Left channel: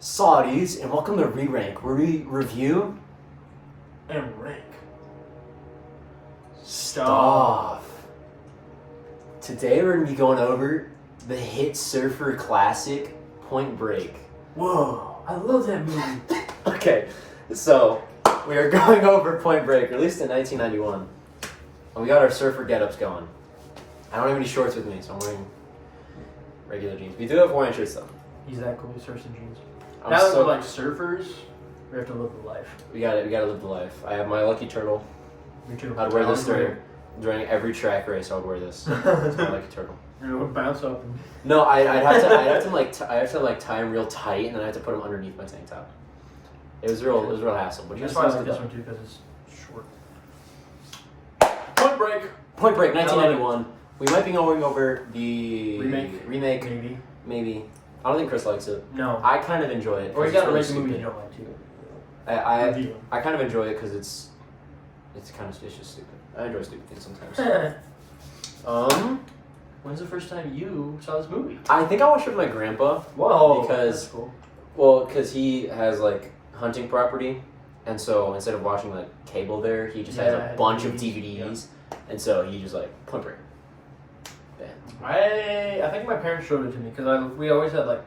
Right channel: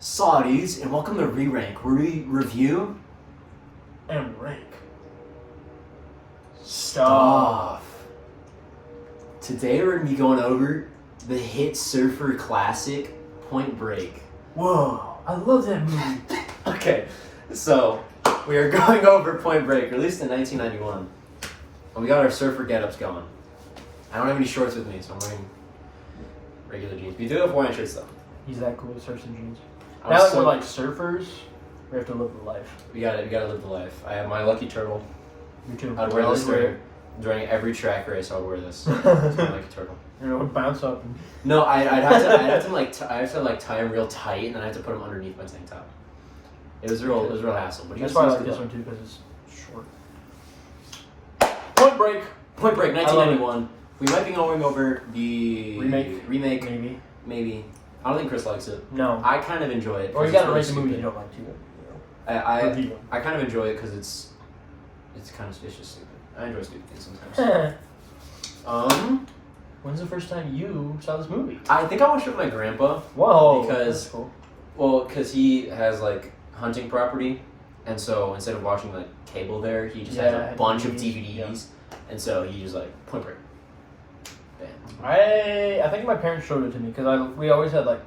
Saudis, and welcome to Re-Rank, where we review and rank stuff. Today we're going to be going over the hit surfer classic, Point Break. Whoa, I love that movie. Okay, so we are going over Point Break, released in 1991. And we got our surfer get-ups going. I don't have any shorts with me, so I'm wearing regular jeans. We do have Hawaiian shirts though. He's that cool with surfing jeans. I'm Now that so- we're like surfers, we have to live the life. We gotta live the life. I have my lucky turtle. Me too. I'd wear this Wear during every track race. I would wear this. It's my lucky turtle. and it would bounce up. And... No, I'd have to tie them real tight, and then I have to put them underneath my tank top. It was real hassle. But you That's guys why I see like this good one too, because it's short. Point Break. Point Break, 1991. We might be going over the Remake. Maybe. I don't think Chris likes it. No. I kind of enjoy it. Or you 'cause gotta it's rate the movie really you don't like too. I Review. kind of enjoy it because it's just stupid. I enjoy stupid things sometimes. When's the first time you saw this movie? I think I watched it with my grandpa. Whoa. Because- that's cool. Well, because he has like hunting property, and so instead of watching like cable there, he just has Yeah, a bunch of DVDs, DVDs, and so he just like Point Break. Bam. I think my parents showed it to me because we always had like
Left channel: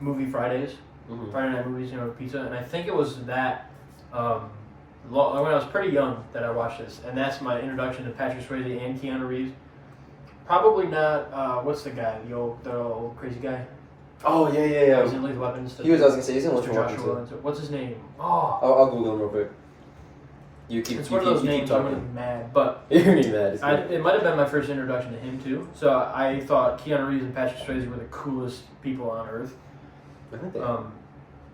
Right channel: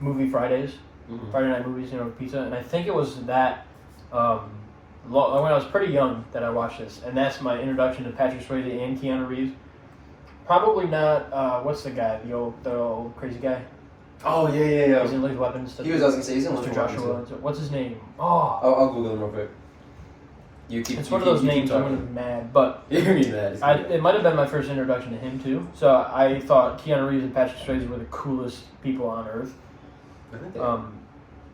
movie Fridays, Mhm. Friday night movies, with pizza, and I think it was that when I was pretty young that I watched this, and that's my introduction to Patrick Swayze and Keanu Reeves. Probably not. What's the guy? The old crazy guy. Oh yeah. He's in Lethal Weapon and stuff. I was gonna say he's in Mr. Lethal Joshua. Weapon, and so- What's his name? Oh, I'll Google him real quick. it's one of those names I'm gonna be mad, but. You're gonna be mad. It's gonna be It might have been my first introduction to him too. So I thought Keanu Reeves and Patrick Swayze were the coolest people on earth. I think they are.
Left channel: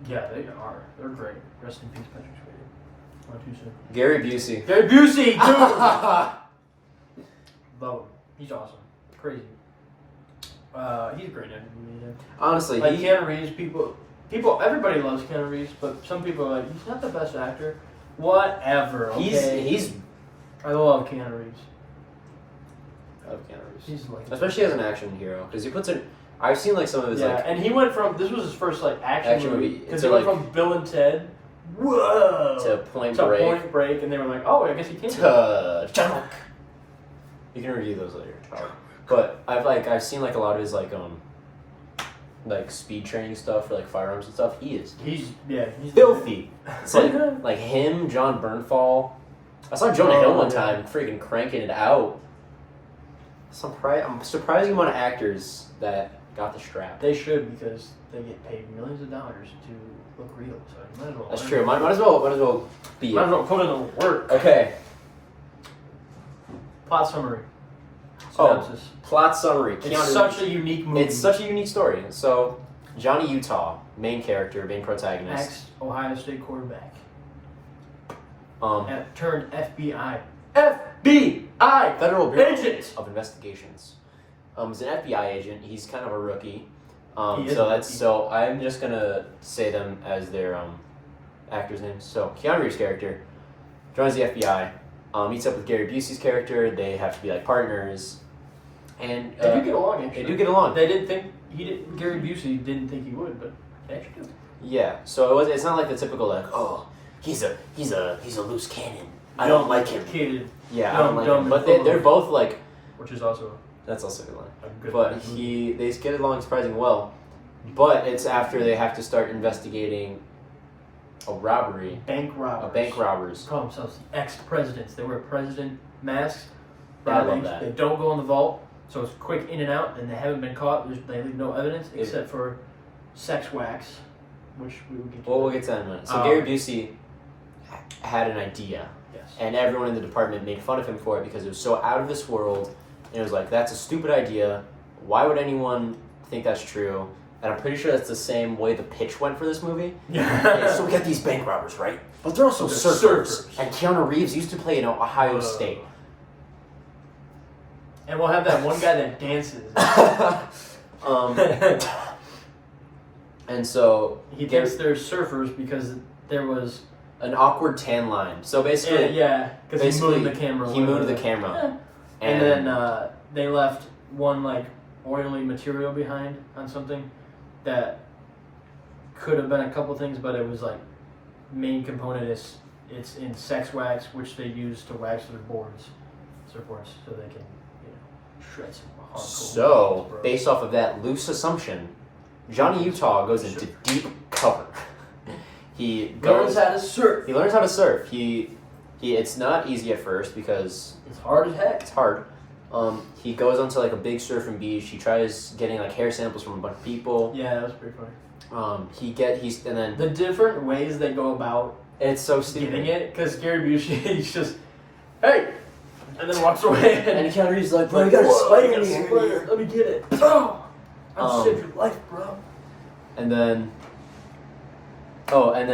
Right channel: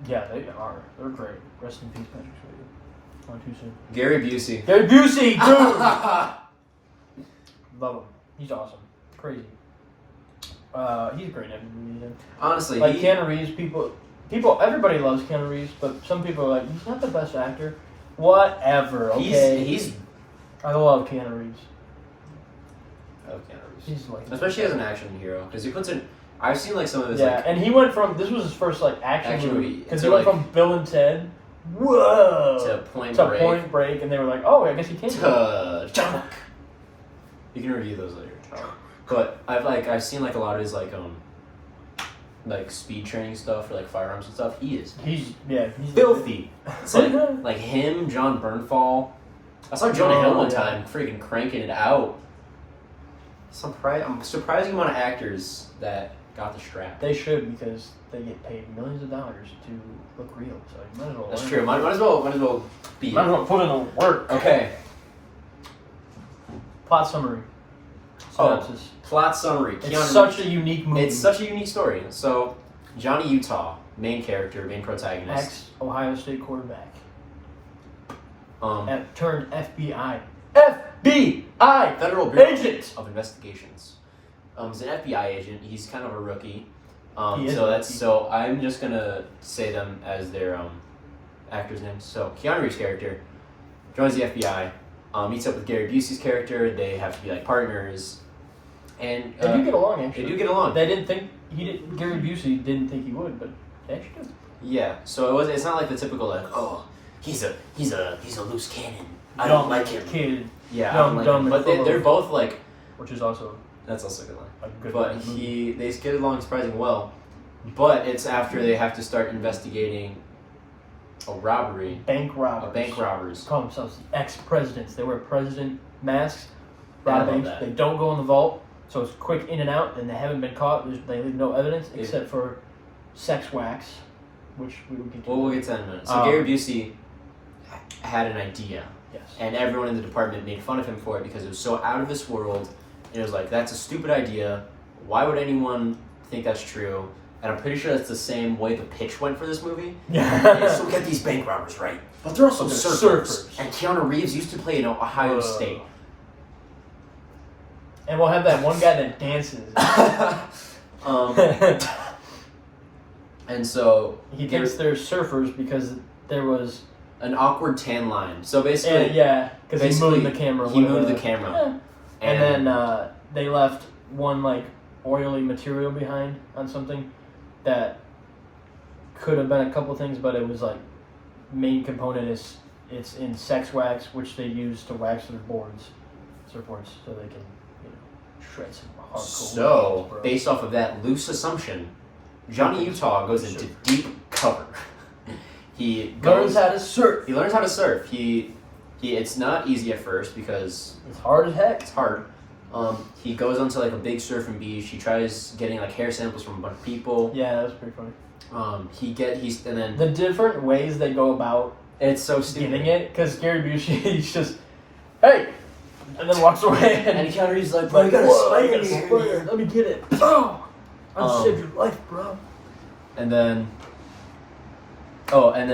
Yeah, they are. They're great. Rest in peace, Patrick Swayze. Not too soon. Gary Busey. Gary Busey, dude. Love him. He's awesome. Crazy. He's great at everything. Honestly, Like Keanu Reeves, people, everybody loves Keanu Reeves, but some people are like, he's not the best actor. Whatever. Okay. he's I love Keanu Reeves. I love Keanu Reeves. He's like Especially as an action hero, because he puts in. I've seen like some of his yeah, like and he went from this was his first like action Action movie movie because to, he went like- from Bill and Ted, whoa, to Point to Break Point Break, and they were like, oh, I guess he can. to Junk. You can review those later, Tyler. But I've seen like a lot of his like speed training stuff for like firearms and stuff. He's He's filthy. It's like him, John Bernthal. I saw Jonah Hill one yeah. time freaking cranking it out. I'm surprised the amount of actors that got the strap. They should because they get paid millions of dollars to look real. So you might as well. That's learn true. from Might as well be. Might as well put in the work. Okay. Plot summary. Oh. Synopsis. Plot summary. It's Keanu such Reeves. a unique movie. It's such a unique story. So, Johnny Utah, main character, main protagonist. Ex-Ohio State quarterback. Um, Turned FBI. FBI! Federal Bureau Agent! of Investigations. He's an FBI agent. He's kind of a rookie. He is So a that's rookie. so I'm just gonna say them as their actors' names. So Keanu Reeves' character joins the FBI, meets up with Gary Busey's character. They have to be like partners, and They do get along, actually. they do get along. They didn't think Gary Busey didn't think he would, but they actually did. Yeah. So it's not like the typical like, oh, he's a loose cannon. I don't like him. Kid, Yeah, I Dumb, don't like dumb, him. But and full they're of- both like. which is also That's also a good line. a good But movie. they get along surprisingly well. But it's after they have to start investigating a robbery, Bank robbers. bank robbers. Call themselves the ex-presidents. They wear president masks. I Rob love banks. that. They don't go in the vault, so it's quick in and out, and they haven't been caught. They leave no evidence Yeah. except for sex wax, which we will get to. Well, we'll get to that in a minute. So Gary Busey had an idea, Yes. and everyone in the department made fun of him for it because it was so out of this world. And it was like, that's a stupid idea. Why would anyone think that's true? And I'm pretty sure that's the same way the pitch went for this movie. Yeah. So get these bank robbers, right? But they're also They're surfers. surfers. And Keanu Reeves used to play in Ohio State. And we'll have that one guy that dances. And so He thinks they're surfers because there was an awkward tan line. So basically, because he basically, moved the camera. He moved the camera. Yeah. And then they left one like oily material behind on something that could have been a couple things, but it was like main component is it's in sex wax, which they use to wax their surfboards, so they can shred some hardcore. So, moves, bro. based off of that loose assumption, Johnny Utah goes into deep cover. He learns how to surf. He learns how to surf. It's not easy at first because It's hard as heck. it's hard. He goes onto like a big surfing beach. He tries getting like hair samples from a bunch of people. Yeah, that was pretty funny. And then The different ways they go about it's so stupid. getting it, because Gary Busey, he's just, hey, and then walks away, And Keanu Reeves is like, like, you gotta "Whoa, spike you gotta me spike here." it. Let me get it. Oh, I just Um, saved your life, bro. And then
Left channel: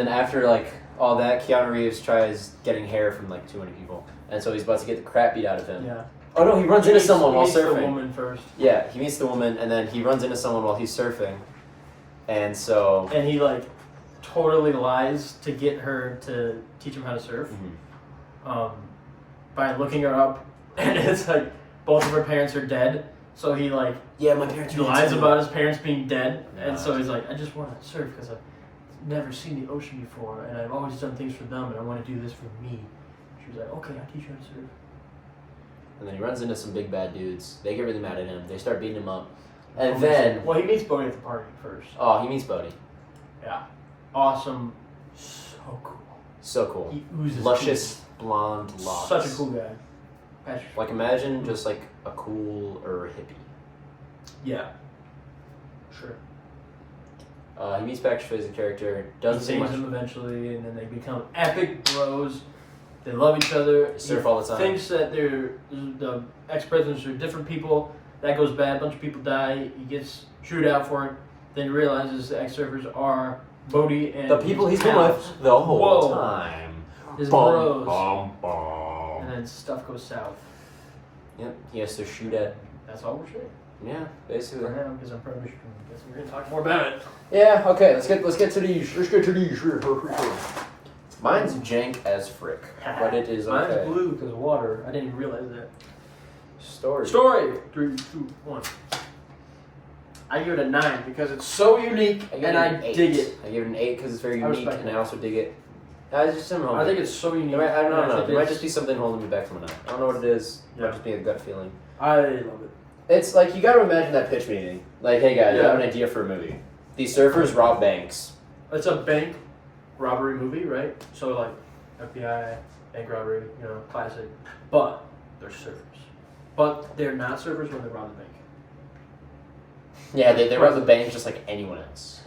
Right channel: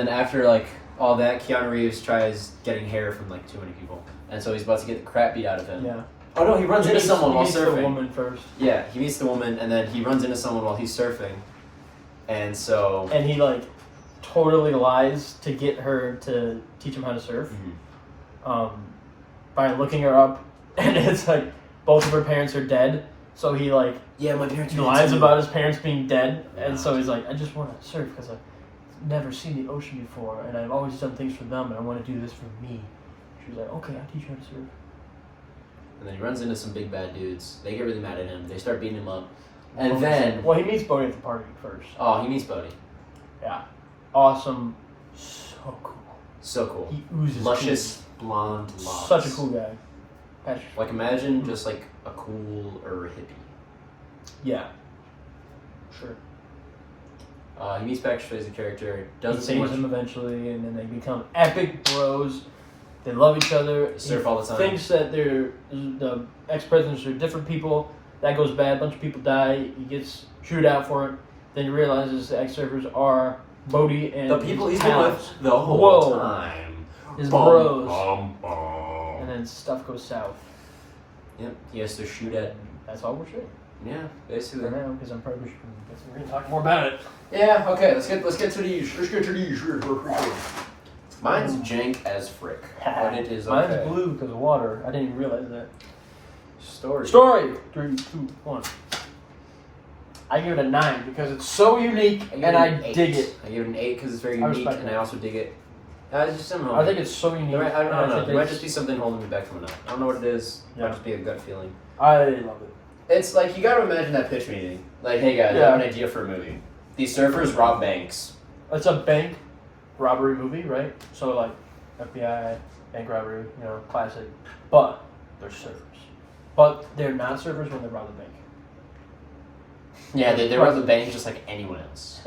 after like all that, Keanu Reeves tries getting hair from like too many people, and so he's about to get the crap beat out of him. Yeah. Oh no, he runs into someone he while meets the surfing. woman first, Yeah, he meets the woman, and then he runs into someone while he's surfing, and so. and he like totally lies to get her to teach him how to surf, by looking her up, and it's like both of her parents are dead, so he like Yeah, my parents. he lies about his parents being dead, and Yeah. so he's like, I just want to surf because I've never seen the ocean before, and I've always done things for them, and I want to do this for me. She was like, okay, I'll teach you how to surf. And then he runs into some big bad dudes. They get really mad at him. They start beating him up, and then Well, he meets Bodhi at the party first. he meets Bodhi. Yeah. Awesome. So cool. So cool. He oozes Luscious blonde cool. locks. Such a cool guy. Patrick. Like imagine just like a cool or a hippie. Yeah. Sure. He meets Patrick Swayze's character. He Doesn't say saves much. him eventually, and then they become epic bros. They love each other. They surf all the time. Thinks that the ex-presidents are different people. That goes bad. A bunch of people die. He gets chewed out for it. Then he realizes the ex-surfers are Bodhi and The people his he's been pals. with the whole Whoa. time. His Bum, bros. bum, bum. And then stuff goes south. Yep, he has to shoot at. That's all we're saying Yeah, for basically. now, because I'm probably guessing we're gonna talk more about it. Yeah. Okay. Let's get to these. Mine's jank as frick, but it is okay. Mine's blue because of water. I didn't even realize that. Story. 3, 2, 1. I give it a 9 because it's so unique give and it I an 8. dig it. I give it an 8 because it's very I unique, respect and that. I also dig it. It's just something. I think it's so unique. I don't and know. think There might it's- just be something holding me back from it. I don't know what it is. It might Yeah. just be a gut feeling. I love it. It's like you got to imagine that pitch meeting. Like, hey guys, I Yeah. have an idea for a movie. These surfers rob banks. It's a bank robbery movie, right? So like FBI, bank robbery, classic. But they're surfers. But they're not surfers when they rob the bank. Yeah, they rob the bank just like anyone else.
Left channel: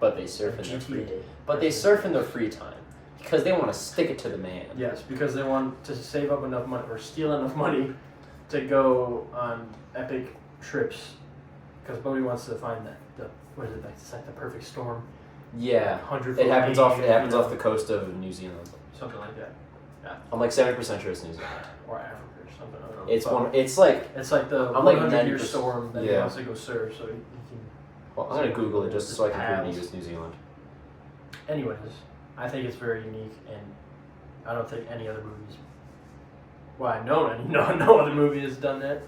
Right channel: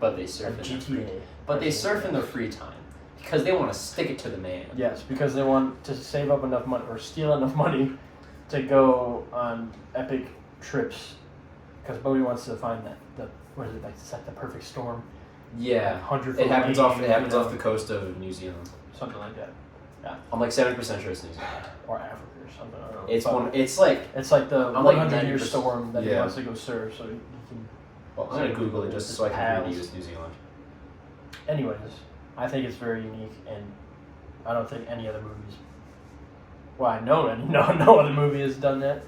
But they surf in their free. GTA. But they surf in their free time because they want to stick it to the man. Yes, because they want to save up enough money or steal enough money to go on epic trips. Because Bodhi wants to find what is it, like it's like the perfect storm. Yeah, 100 it happens feet, off. It happens you know, off the coast of New Zealand. something like that, I'm like 70% sure it's New Zealand. or Africa or something. I don't know. It's But one. It's like. It's like the I'm like 100-year 90%. storm that he Yeah. wants to go surf, so he can. Well, I'm gonna Google it just so I can prove it's New Zealand. Anyways, I think it's very unique, and I don't think any other movies. Well, I know any no other movie has done that,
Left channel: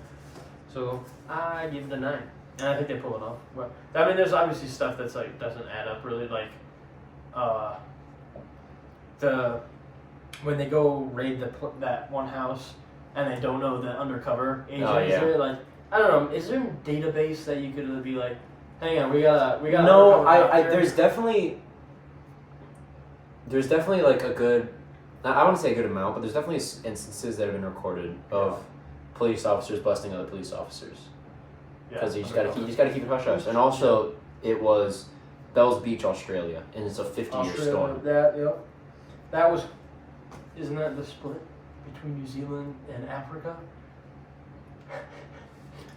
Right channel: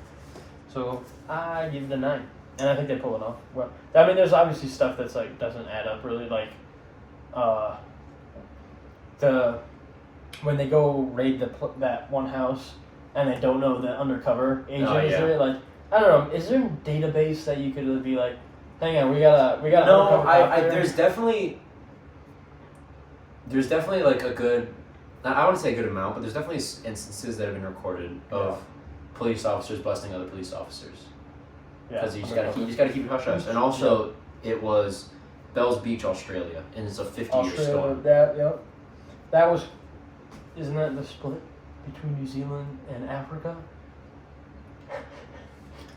so I give it a 9, and I think they pull it off. Well, I mean, there's obviously stuff that's like doesn't add up really, like when they go raid that one house and they don't know the undercover agent Oh, is yeah. there. Like, I don't know, is there a database that you could be like, hang on, we got No, undercover cop I here? there's definitely like a good. I wouldn't say a good amount, but there's definitely instances that have been recorded of police officers busting other police officers. Because you just gotta keep it hush hush. And also, it was Bells Beach, Australia, and it's a 50-year storm. That was, isn't that the split between New Zealand and Africa?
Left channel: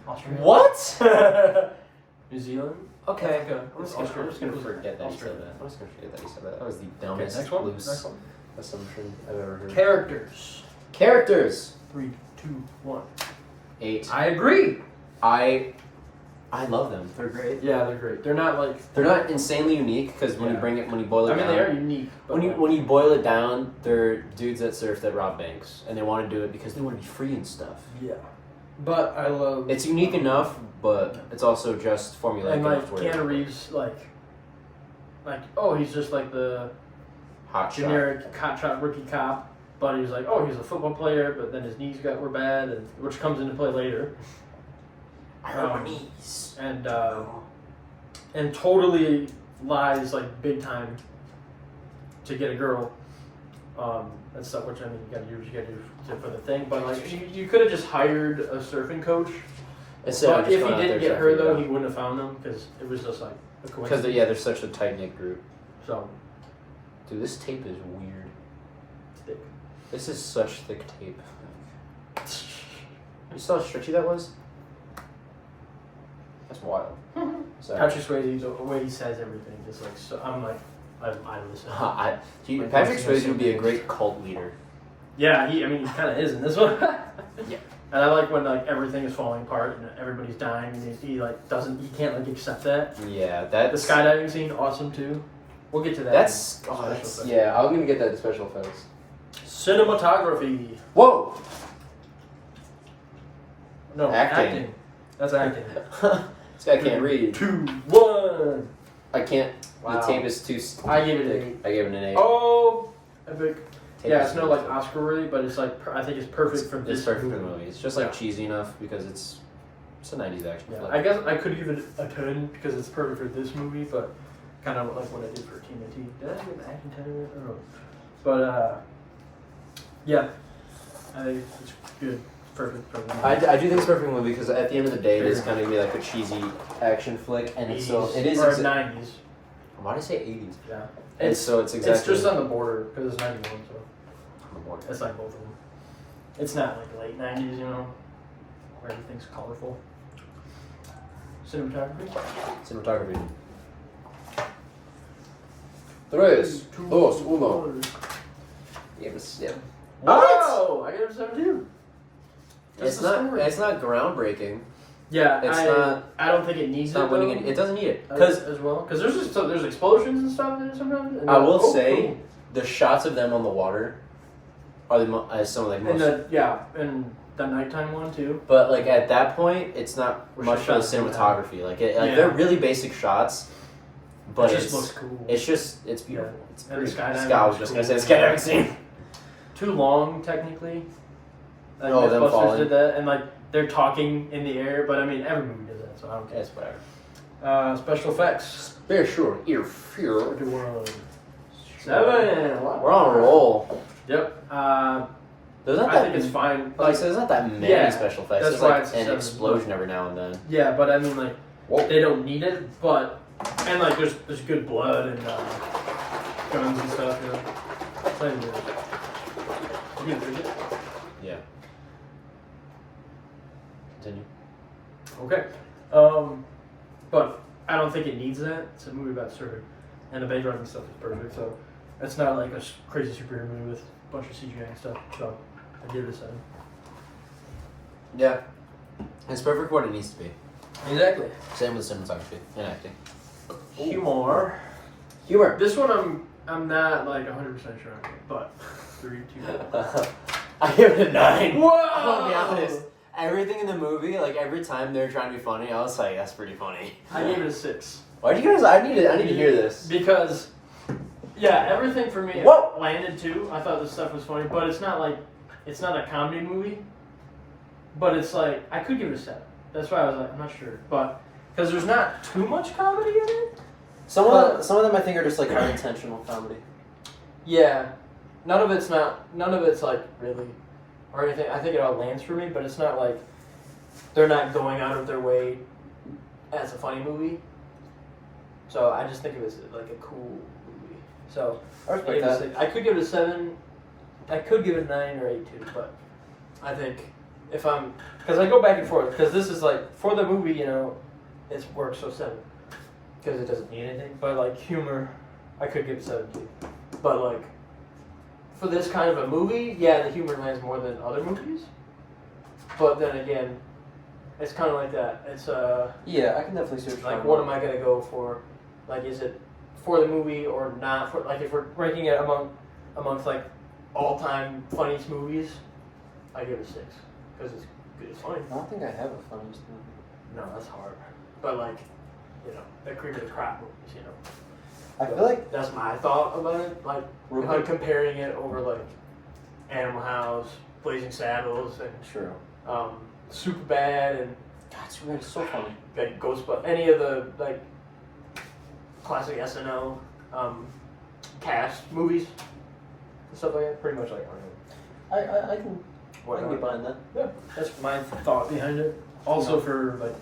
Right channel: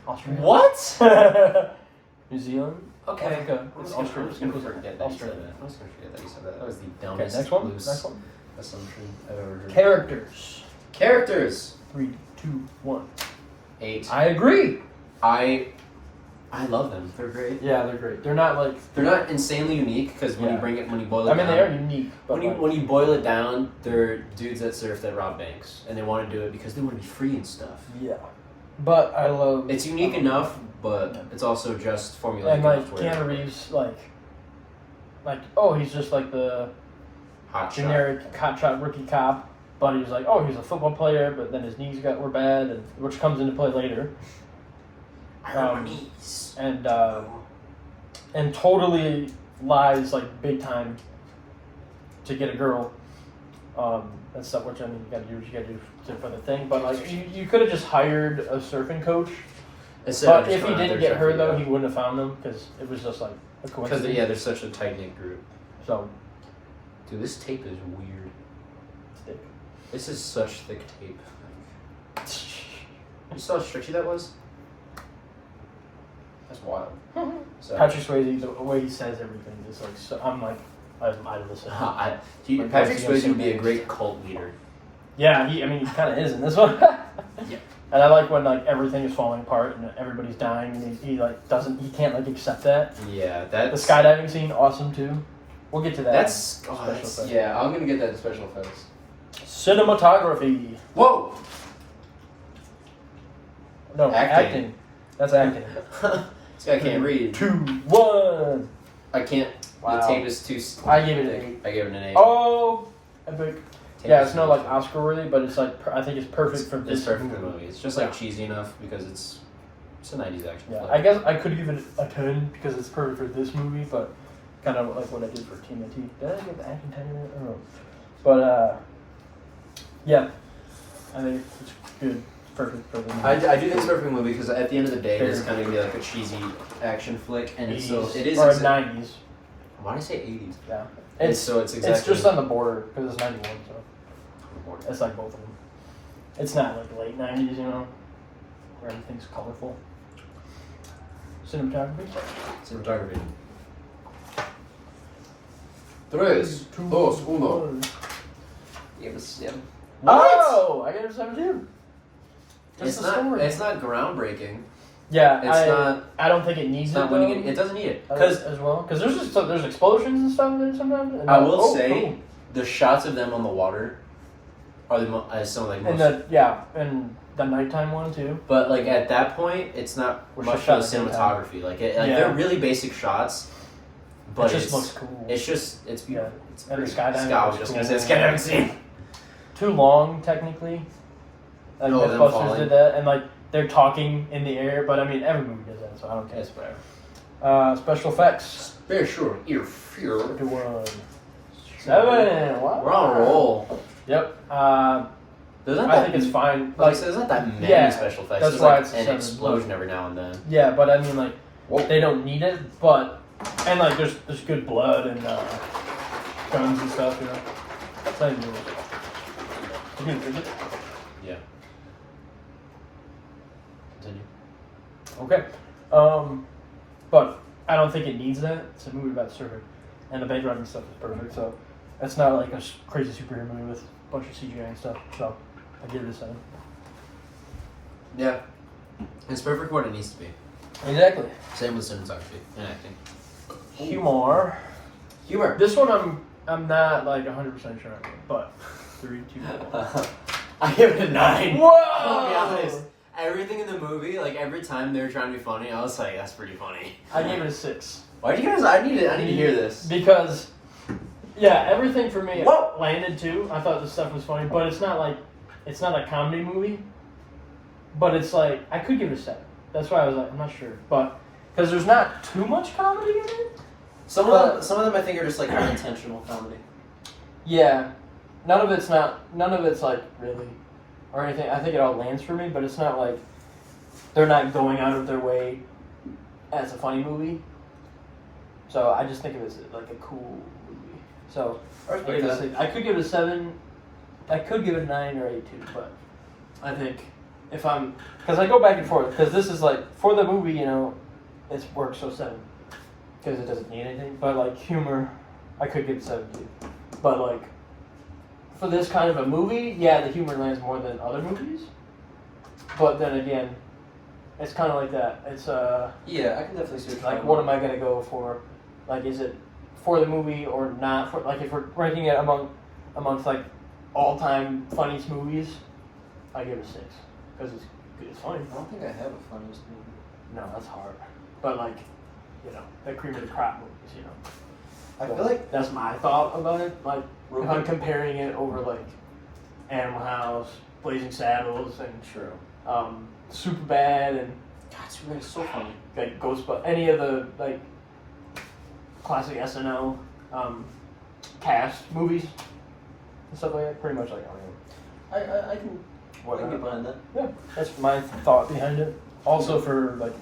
Australia. What? New Zealand. Okay. Africa. I'm It's just Australia. gonna forget that you said Australia. that. I'm just gonna forget that you said that. That was the Okay, dumbest, next one. loose Next one. assumption I've ever heard. Characters. Characters. 3, 2, 1. 8. I agree. I love them. They're great. Yeah, they're great. They're not like. They're not insanely unique because when Yeah. you boil it I mean, down, they are unique. But when you boil it down, they're dudes that surf that rob banks, and they want to do it because they want to be free and stuff. yeah. But I love. It's unique enough, but it's also just formulaic And like enough. to where- Keanu Reeves, like like, oh, he's just like the Hot shot. generic hotshot rookie cop, but he was like, oh, he's a football player, but then his knees were bad, and which comes into play later. I hurt my knees. And totally lies like big time to get a girl. And stuff, which I mean, you gotta do what you gotta do for the thing. But like, you could have just hired a surfing coach. But if he didn't get her though, he wouldn't have found them because it was just like a coincidence. Because they're such a tight knit group. So, dude, this tape is weird. thick. This is such thick tape. You saw how stretchy that was? That's wild. So, Patrick Swayze, the way he says everything, just like so, I'm like, I listen. Patrick Swayze would be a great cult leader. Yeah, he kind of is in this one. Yeah. And I like when like everything is falling apart and everybody's dying, and he can't like accept that. Yeah, The that's skydiving scene, awesome too. We'll get to that. That's effects. yeah. I'm gonna get that to special effects. Cinematography. Whoa. No, Acting. That's acting. This guy can't read. 2, 1. I can't. Wow. The tape is too. I gave it an 8. I gave it an 8. Oh, epic. Tape Yeah, is it's not like Oscar worthy, but it's like I think it's perfect for this. It's perfect for the movie. movie. It's just like cheesy enough because it's a 90s action Yeah, flick. I guess I could give it a 10 because it's perfect for this movie, but kind of like what I did for TMNT. Did I give the acting 10 in that? I don't know. But yeah, I think it's good. Perfect for the movie. I do think it's a perfect movie because at the end of the day, it is kind of gonna be like a cheesy action flick, and it's 80s, it is or 90s. Why did I say 80s? Yeah, It's exactly. It's just on the border because it's 91, so on the border. it's like both of them. It's not like late 90s, where everything's colorful. Cinematography. Cinematography. 3, 2, 1. Give it a 7. Oh, I gave it a 7 too. It's not groundbreaking. Yeah, It's I don't think it needs not it. winning Though, it. It doesn't need it because there's explosions and stuff in it sometimes. And I will oh, say cool. the shots of them on the water are some of the most. And the nighttime one too. But like at that point, it's not We're much shot for the at nighttime. cinematography. Like Yeah. they're really basic shots, but it just looks cool. It's beautiful. Yeah. It's And the pretty- skydiving I was looks just gonna cool. say skydiving scene. Too long technically. Like Oh, them Mythbusters falling. did that, and like they're talking in the air. But I mean, every movie does that, so I don't care. It's whatever. Special effects. Very sure. Ear fear. 1. 7. Wow. We're on a roll. Yep. There's not I that, think it's fine. like I said, there's not that many Yeah, special effects. that's There's why like it's a an 7. explosion every now and then. Yeah, but I mean, like, Whoa. they don't need it, but and like, there's good blood and guns and stuff. It's not even good. You can drink it? Yeah. Continue. Okay. But I don't think it needs that. It's a movie about surfing, and the background and stuff is perfect. So it's not like a crazy superhero movie with a bunch of CGI and stuff. So I give it a 7. Yeah. It's perfect for what it needs to be. Exactly. Same with cinematography and acting. Humor. Humor. This one I'm not like 100% sure on, but 3, 2, 1. I give it a 9. Whoa! I'll be honest. Everything in the movie, like every time they're trying to be funny, I was like, that's pretty funny. I gave it a 6. Why do you guys? I need to hear this. Because, yeah, everything for me Whoa! landed too. I thought this stuff was funny, but it's not a comedy movie. But it's like, I could give it a 7. That's why I was like, I'm not sure. But, because there's not too much comedy in it. Some of them I think are just like unintentional comedy. Yeah. None of it's like really, or anything. I think it all lands for me, but it's not like, they're not going out of their way as a funny movie. So I just think of it as like a cool movie. So I give it a 6. I could give it a 7. I could give it a 9 or 8 too, but I think because I go back and forth, because this is like, for the movie, it works, so 7. Because it doesn't need anything. But like humor, I could give it 7 too. But like, for this kind of a movie, yeah, the humor lands more than other movies. But then again, it's kind of like that. It's Yeah, I can definitely see like, what am I gonna go for? Like, is it for the movie or not? For like, if we're ranking it amongst like all-time funniest movies, I give it a 6 because it's funny. I don't think I have a funniest movie. No, that's hard. But like, the cream of the crop movies, I feel like that's my thought about it. Like, if I'm comparing it over like Animal House, Blazing Saddles, and true. Superbad, and That's really so funny. like Ghostbusters, any of the like classic SNL cast movies and stuff like that. Pretty much like I can. I can get behind that. Yeah, that's my thought behind it. Also for like,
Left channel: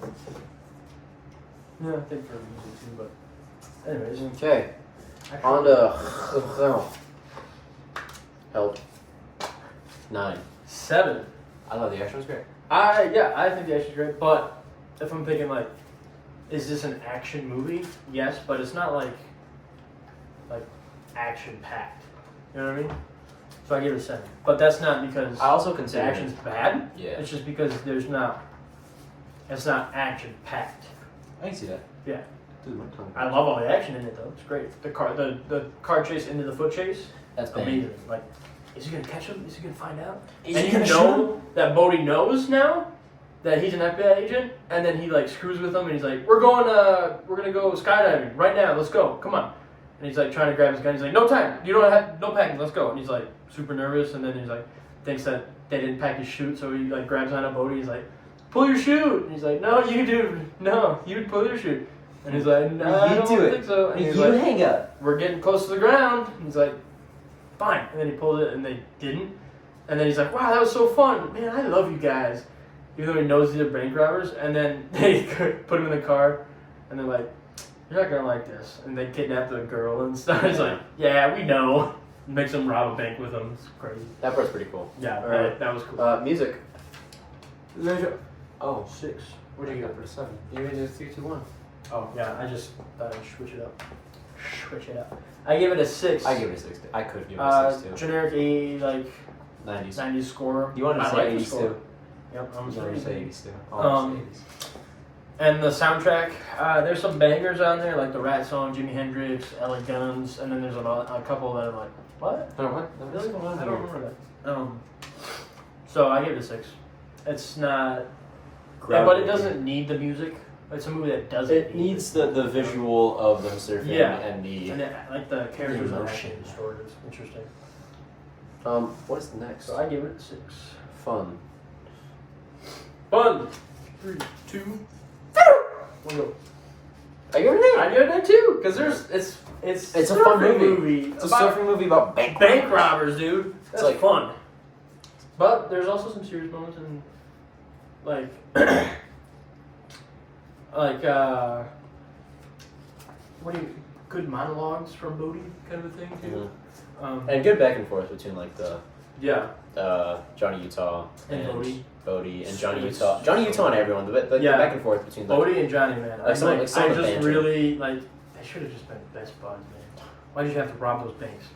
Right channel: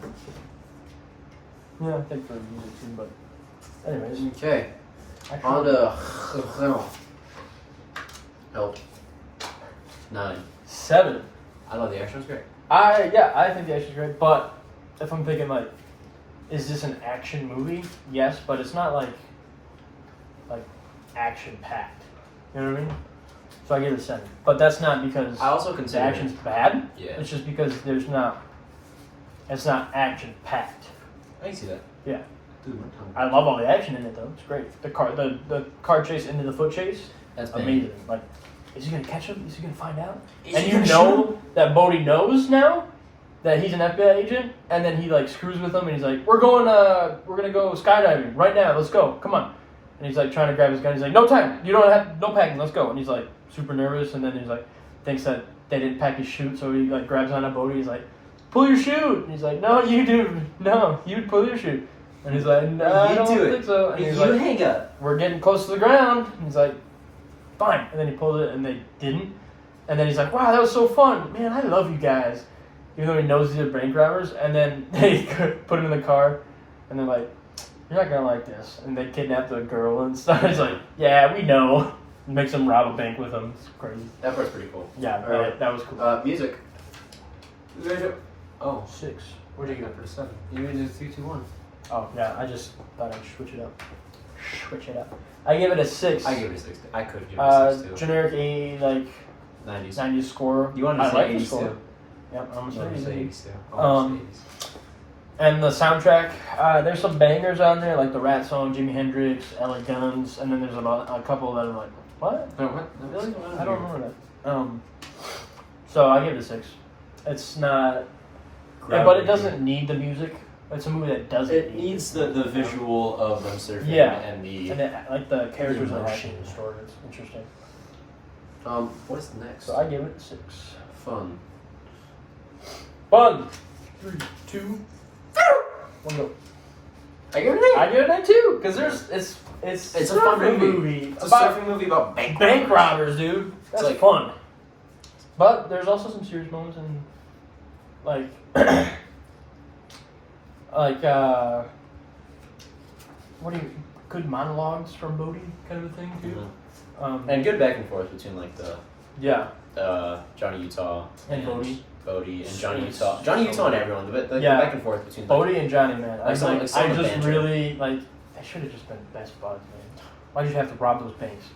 yeah, I think for music too. But anyways, Okay. On to Help. 9. 7. I love the action. It was great. I think the action's great. But if I'm thinking like, is this an action movie? Yes, but it's not like action packed. You know what I mean? So I give it a 7. But that's not because I also the consider action's bad. Yeah. It's just because it's not action packed. I can see that. Yeah. Dude, my tongue. I love all the action in it though. It's great. The car chase into the foot chase. That's Amazing. Like, is he gonna catch him? Is he gonna find out? Is and he you gonna shoot know him? that Bodhi knows now that he's an FBI agent, and then he like screws with him, and he's like, we're gonna go skydiving right now. Let's go. Come on. And he's like trying to grab his gun. He's like, no time. You don't have no packing. Let's go. And he's like super nervous, and then he's like thinks that they didn't pack his chute, so he like grabs onto Bodhi. He's like, pull your chute. And he's like, no, you do. No, you pull your chute. And he's like, no, I don't think so. And he's like, hang up. we're getting close to the ground. And he's like, fine. And then he pulled it, and they didn't. And then he's like, wow, that was so fun. Man, I love you guys. Even though he knows these are bank robbers. And then they put him in the car, and they're like, you're not going to like this. And they kidnap the girl and stuff. He's like, yeah, we know. Makes them rob a bank with them. It's crazy. That part's pretty cool. Yeah, that was cool. Music. Oh, 6. what do you got for the 7? You just 3, 2, 1. Oh, yeah, I just thought I'd switch it up. I give it a 6. I give it a 6. I could give it a 6 too. Generic 80, like 90s. 90s score. You wanted to I say like the 80s score. too. Yep, I'm You wanted to say saying 80s too. Oh, 80s. And the soundtrack, there's some bangers on there, like the Rat song, Jimi Hendrix, LA Guns, and then there's a couple that are like, what? Oh, what? Really? I don't remember that. So I give it a 6. It's not, but it doesn't need the music. It's a movie that doesn't. It needs the visual of them surfing and the. And like the characters are emotion. actually distorted. It's interesting. What is the next? So I give it a 6. Fun. 3, 2, 1, go. I give it an 8. I give it a 2 because it's a fun movie. It's It's a about surfing movie about bank robbers, dude. That's like- fun. But there's also some serious moments and like good monologues from Bodhi kind of a thing too. Mhm. And good back and forth between like the Yeah. Johnny Utah And Bodhi. and Johnny It's Utah. Johnny so Utah and good. everyone. The Yeah. back and forth between Bodhi and Johnny, man. Like some I of the just banter. really like. They should have just been best buds, man. Why did you have to rob those banks?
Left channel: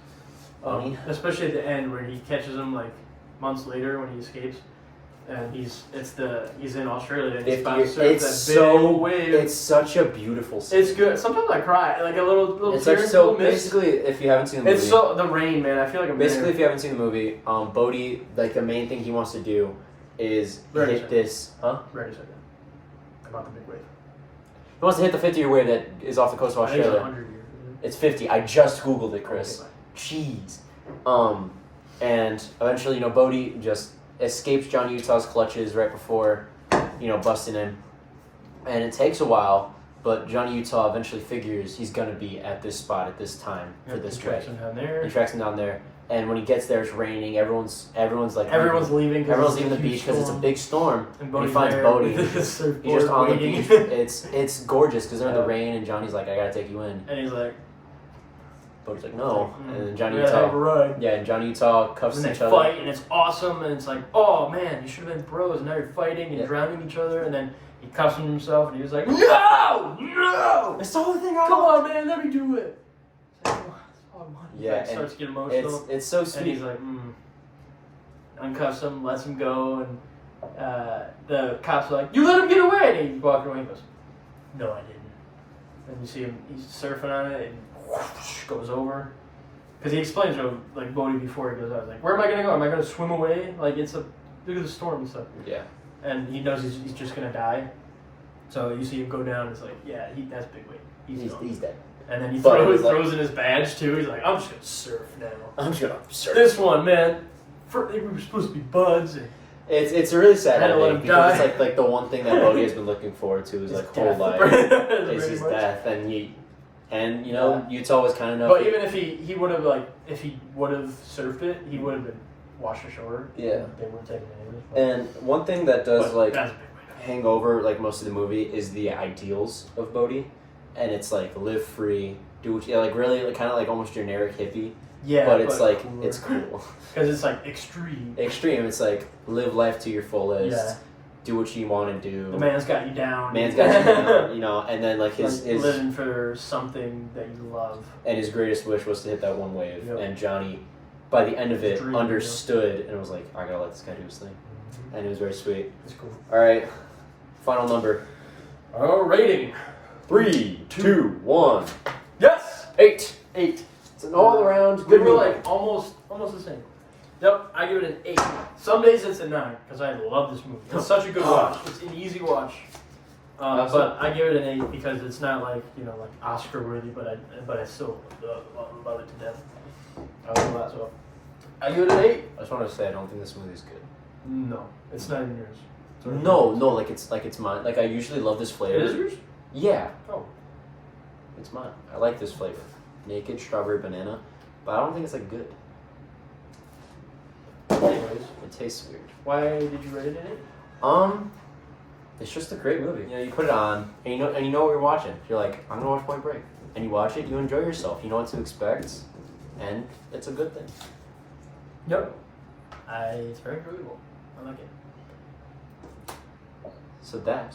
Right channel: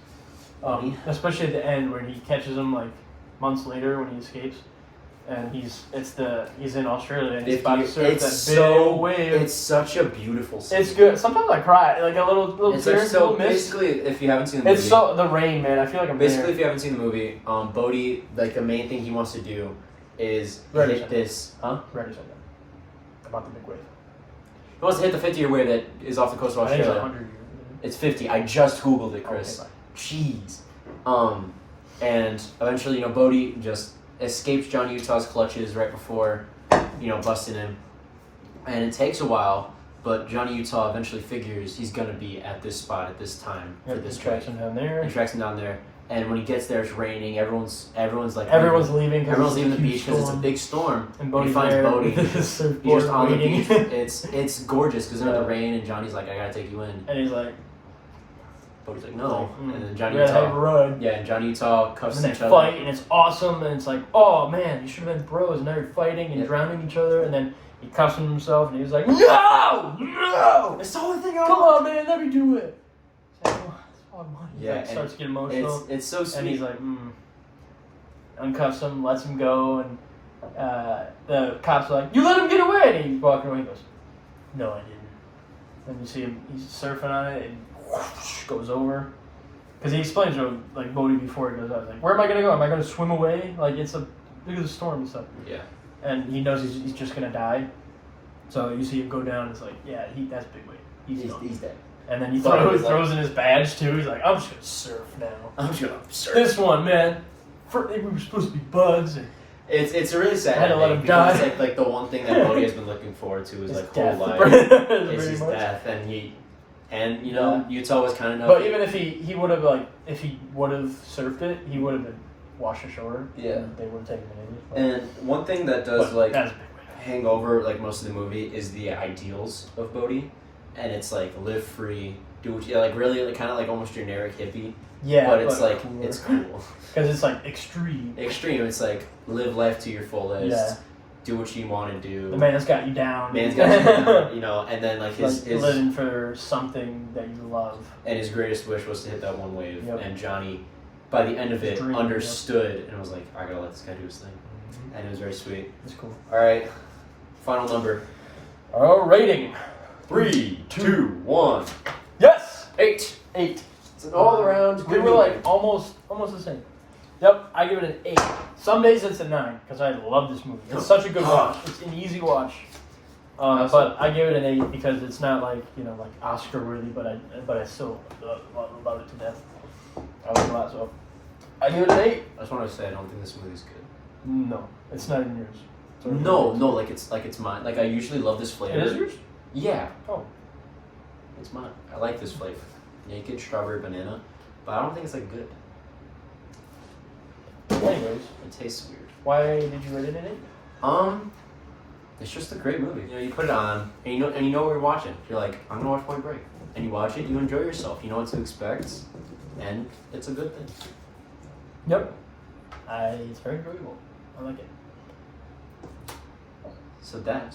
Especially at the end where he catches him like months later when he escapes, and he's in Australia and he's about to surf that big old wave. It's such a beautiful scene. It's good. Sometimes I cry, like a little It's tear, like, so little mist. basically, if you haven't seen the movie, It's so the rain, man. I feel like I'm basically there. if you haven't seen the movie, Bodhi, like the main thing he wants to do is Ready, hit set. this. Ready said that about the big wave. He wants to hit the 50-year wave that is off the coast of I think it's Australia. 100 years. It's 50. I just googled it, Chris. Okay, Jeez. And eventually, Bodhi just escapes John Utah's clutches right before, busting in. And it takes a while, but Johnny Utah eventually figures he's going to be at this spot at this time for Yep, this he tracks wave. him down there. He tracks him down there. And when he gets there, it's raining. Everyone's like... Everyone's leaving. 'cause Everyone's it's leaving a the huge beach because it's a storm. big storm. And he Bodhi's finds there Bodhi. with his He's surfboard just on the waiting. beach. It's gorgeous because they're in Yeah. the rain, and Johnny's like, I gotta take you in. And he's like, Bodhi's like, no. And then Johnny we gotta have a Utah... ride. Yeah, and Johnny Utah cuffs And they each other. fight, and it's awesome, and it's like, oh man, you should have been bros, and now you're fighting and Yeah. drowning each other, and then he cuffs himself, and he was like, no! It's the only thing Come on, man, let me do it. It's like, oh, that's all I want. Yeah, He starts to get emotional, It's so and sweet. he's like, uncuffs him, lets him go, and the cops are like, you let him get away, and he's walking away, he goes, no, I didn't. And you see him, he's surfing on it, and whoosh, goes over. Because he explains to like Bodhi before he goes out, like, where am I gonna go? Am I gonna swim away? Like look at the storm and stuff. Yeah. And he knows he's just gonna die. So you see him go down. It's like, yeah, that's big weight. He's gone. He's dead. And then he But it was throws in his badge too. He's like, I'm just gonna surf now. I'm just gonna surf. This one, man. We were supposed to be buds. And It's a really sad I had to let ending him die. because it's like the one thing that Bodhi has been looking forward to his like whole death. life is Pretty his much. death, and you know Utah was kind enough. But even if he would have if he would have surfed it, he would have been washed ashore. Yeah. And they wouldn't take him anyways. But, And one thing that does but like that's a big way. hang over like most of the movie is the ideals of Bodhi, and it's like live free, do what you like, really like, kind of like almost generic hippie. Yeah, but it's like cooler. it's cool. Because it's like extreme. Extreme. It's like live life to your fullest. Yeah. Do what you want to do. The man's got you down. Man's got you down, you know, and then like his living for something that you love. and his greatest wish was to hit that one wave. Yep. And Johnny, by the end of it, Dream, understood and was like, I gotta let this guy do his thing. And it was very sweet. It's cool. All right, final number. Rating. 3, 2, 1. Yes. 8. 8. It's an all around. They were like almost the same. Yep, I give it an 8. Some days it's a 9 because I love this movie. It's such a good watch. It's an easy watch. But I give it an 8 because it's not like like Oscar worthy, but I still love it to death. I love it a lot, so I give it an 8. I just want to say I don't think this movie's good. No, it's not in yours. It's already No, yours. no, like it's mine. Like I usually love this flavor. It is yours? Yeah. Oh. It's mine. I like this flavor. Naked strawberry banana, but I don't think it's like good. Anyways, It tastes weird. why did you rate it an 8? It's just a great movie. You know, you put it on, and you know what you're watching. You're like, I'm gonna watch Point Break, and you watch it. You enjoy yourself. You know what to expect, and it's a good thing. Yep. It's very enjoyable. I like it. So that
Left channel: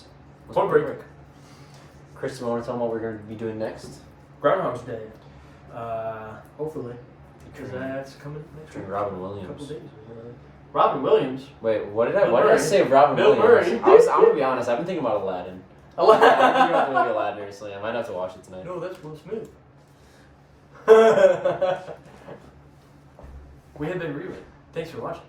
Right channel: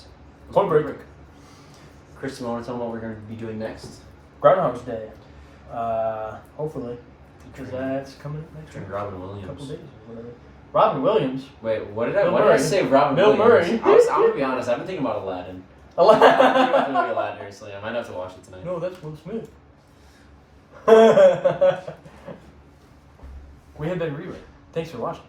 was Point Break. Chris, do you want to tell them what we're going to be doing next? Groundhog's Day. Hopefully, because that's coming next Featuring week. Robin A Williams. couple days or whatever. Robin Williams. Wait, what did Bill I Murray. say? Robin Bill Williams. Murray. I'm gonna be honest. I've been thinking about Aladdin. I've been thinking about the movie Aladdin recently. I might have to watch it tonight. No, that's Will Smith. We have been Rewind. Thanks for watching.